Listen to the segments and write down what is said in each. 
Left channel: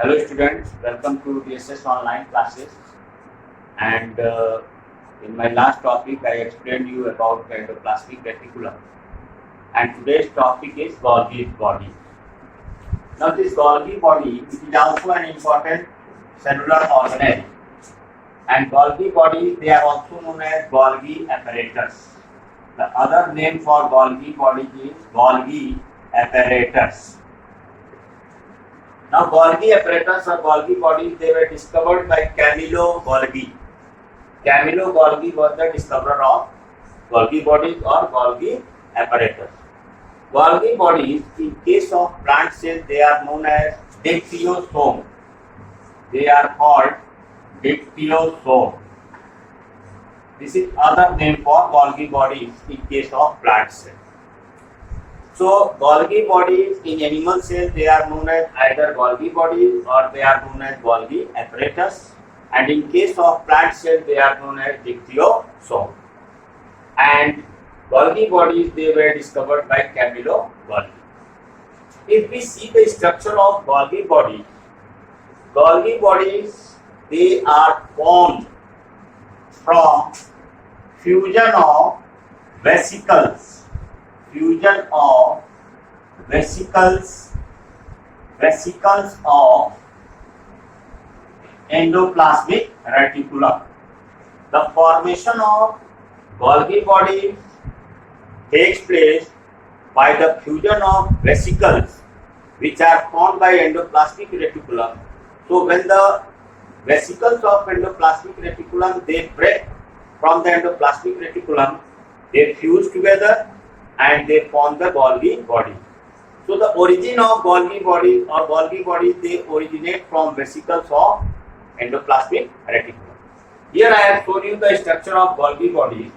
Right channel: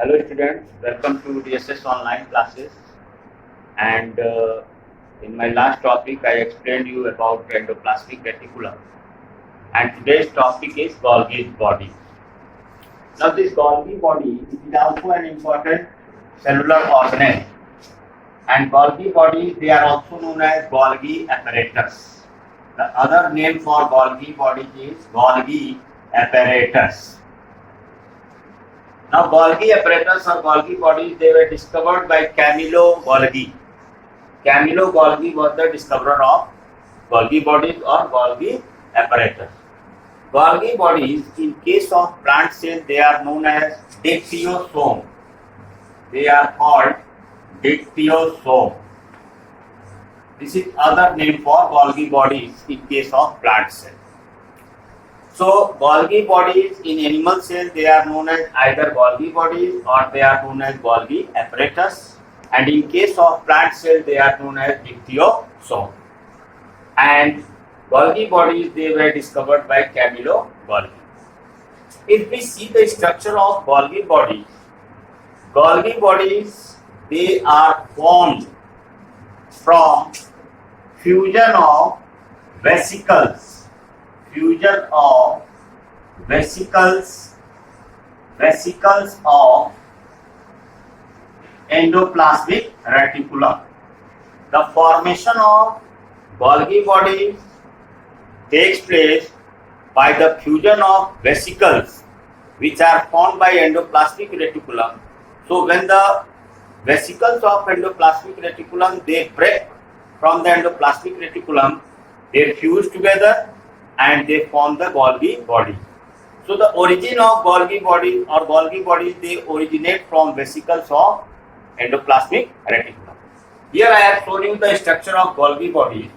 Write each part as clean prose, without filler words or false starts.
Hello students, welcome to DSS online classes. And in my last topic, I explained you about endoplasmic reticulum. And today's topic is Golgi's body. Now this Golgi body is also an important cellular organelle. And Golgi body, they are also known as Golgi apparatus. The other name for Golgi body is Golgi apparatus. Now, Golgi apparatus or Golgi bodies, they were discovered by Camillo Golgi. Camillo Golgi was the discoverer of Golgi bodies or Golgi apparatus. Golgi bodies, in case of plant cells, they are known as dictyosome. They are called dictyosome. This is other name for Golgi bodies in case of plant cells. So, Golgi bodies in animal cells, they are known as either Golgi bodies or they are known as Golgi apparatus. And in case of plant cells, they are known as dictyosome. And Golgi bodies, they were discovered by Camillo Golgi. If we see the structure of Golgi bodies, they are formed from fusion of vesicles. Fusion of vesicles of endoplasmic reticulum. The formation of Golgi bodies takes place by the fusion of vesicles which are formed by endoplasmic reticulum. So when the vesicles of endoplasmic reticulum, they break from the endoplasmic reticulum, they fuse together and they form the Golgi body. So the origin of Golgi bodies or Golgi bodies, they originate from vesicles of endoplasmic reticulum. Here I have shown you the structure of Golgi bodies.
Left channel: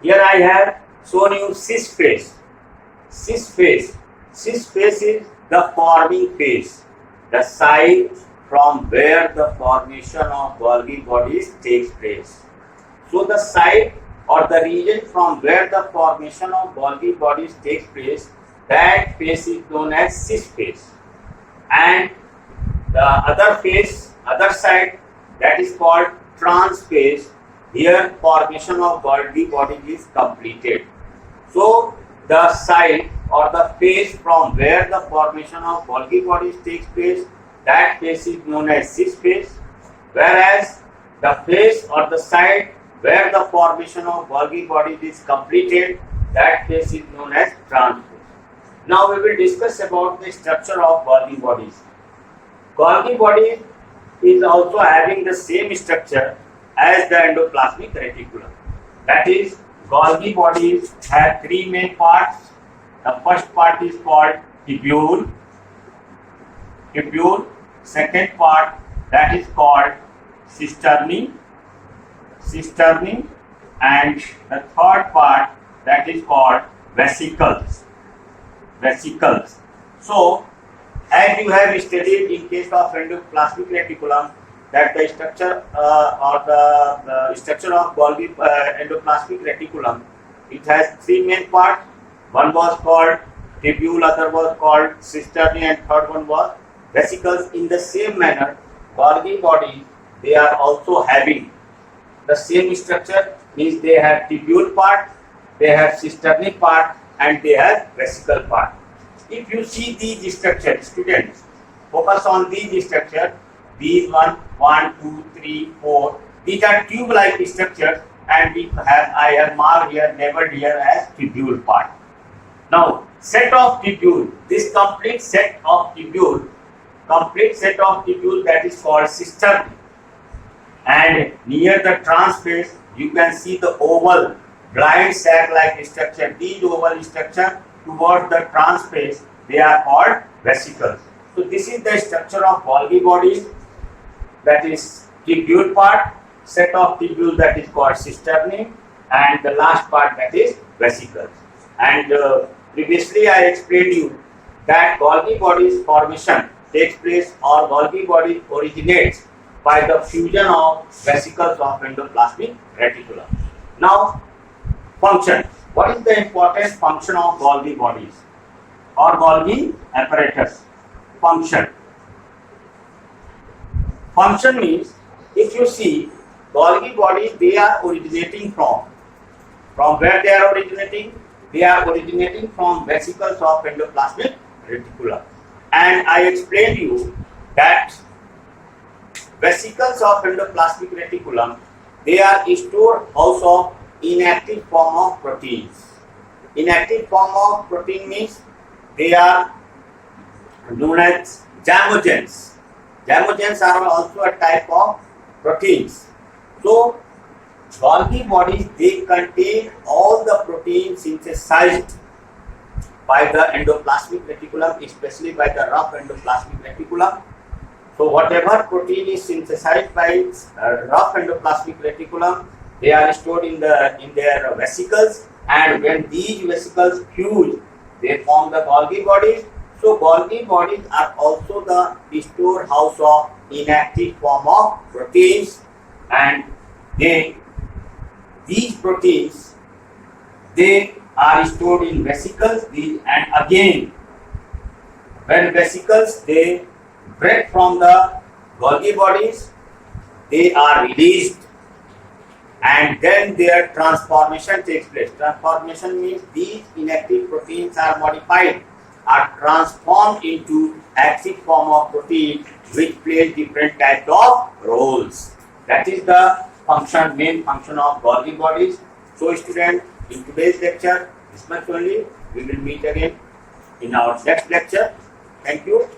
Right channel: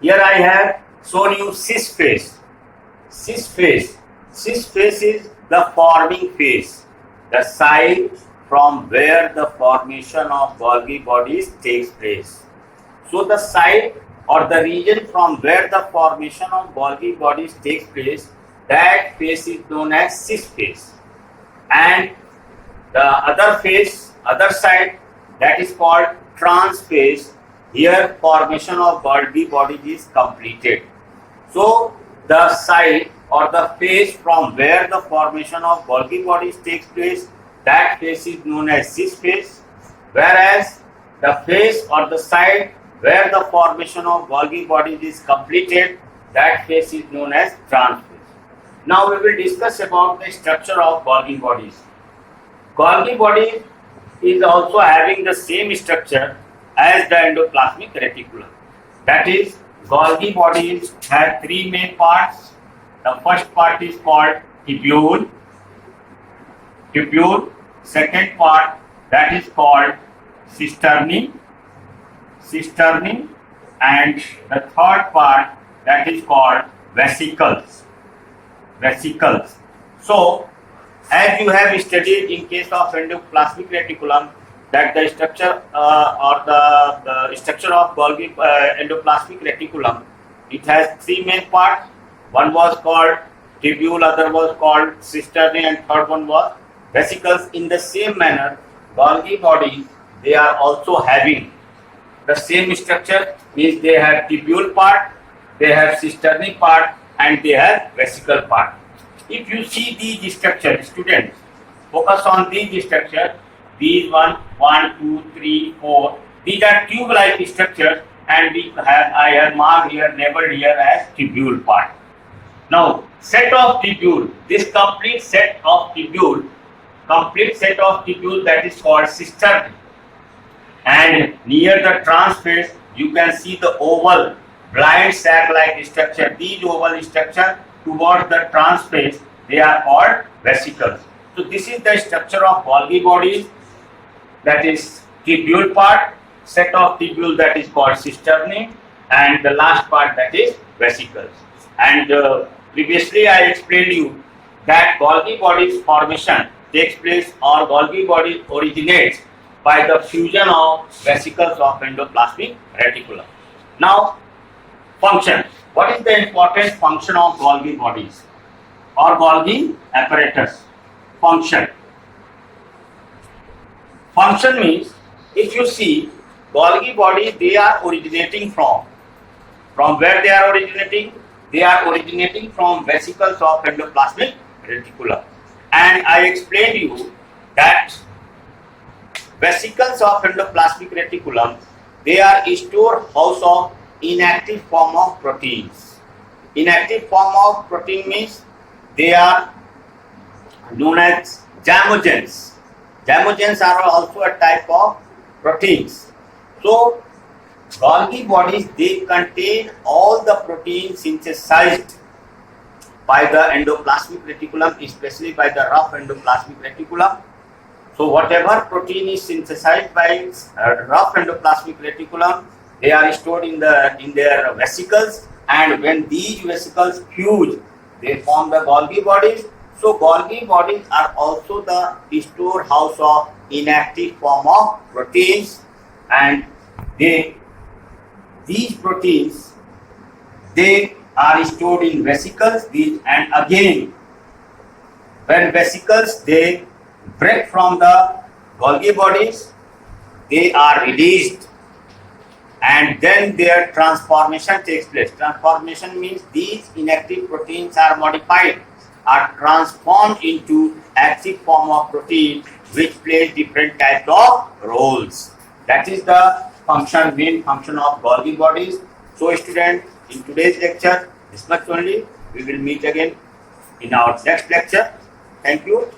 Here I have shown you cis phase. Cis phase is the forming phase, the site from where the formation of Golgi bodies takes place. So the site or the region from where the formation of Golgi bodies takes place, that phase is known as cis phase. And the other phase, other side, that is called trans phase. Here formation of Golgi body is completed. So the site or the phase from where the formation of Golgi bodies takes place, that phase is known as cis phase. Whereas the phase or the site where the formation of Golgi bodies is completed, that phase is known as trans phase. Now we will discuss about the structure of Golgi bodies. Golgi body is also having the same structure as the endoplasmic reticulum. That is, Golgi bodies have three main parts. The first part is called tubule. Second part, that is called cisternae. And the third part, that is called vesicles. So as you have studied in case of endoplasmic reticulum, that the structure or the structure of Golgi endoplasmic reticulum, it has three main parts. One was called tubule, other was called cisternae, and third one was vesicles. In the same manner, Golgi bodies, they are also having the same structure, means they have tubule part, they have cisternae part, and they have vesicle part. If you see these structures, students, focus on these structures. These 1, 2, 3, 4. These are tube-like structures, and I have marked here, labeled here as tubule part. Now, set of tubule. This complete set of tubule, that is called cisternae. And near the trans phase, you can see the oval blind sac-like structure. These oval structure towards the trans phase, they are called vesicles. So this is the structure of Golgi bodies, that is tubule part, set of tubule that is called cisternae, and the last part, that is vesicles. And previously I explained you that Golgi bodies formation takes place or Golgi body originates by the fusion of vesicles of endoplasmic reticulum. Now, function. What is the important function of Golgi bodies or Golgi apparatus? Function. Function means, if you see Golgi body, they are originating from where they are originating? They are originating from vesicles of endoplasmic reticulum. And I explained you that vesicles of endoplasmic reticulum, they are storehouse of inactive form of proteins. Inactive form of protein means they are known as zymogens. Zymogens are also a type of proteins. So Golgi bodies, they contain all the proteins synthesized by the endoplasmic reticulum, especially by the rough endoplasmic reticulum. So whatever protein is synthesized by rough endoplasmic reticulum, they are stored in their vesicles, and when these vesicles fuse, they form the Golgi bodies. So Golgi bodies are also the storehouse of inactive form of proteins, and these proteins, they are stored in vesicles. And again, when vesicles, they break from the Golgi bodies, they are released, and then their transformation takes place. Transformation means these inactive proteins are modified, are transformed into active form of protein, which plays different types of roles. That is the main function of Golgi bodies. So students, in today's lecture, this much only. We will meet again in our next lecture. Thank you.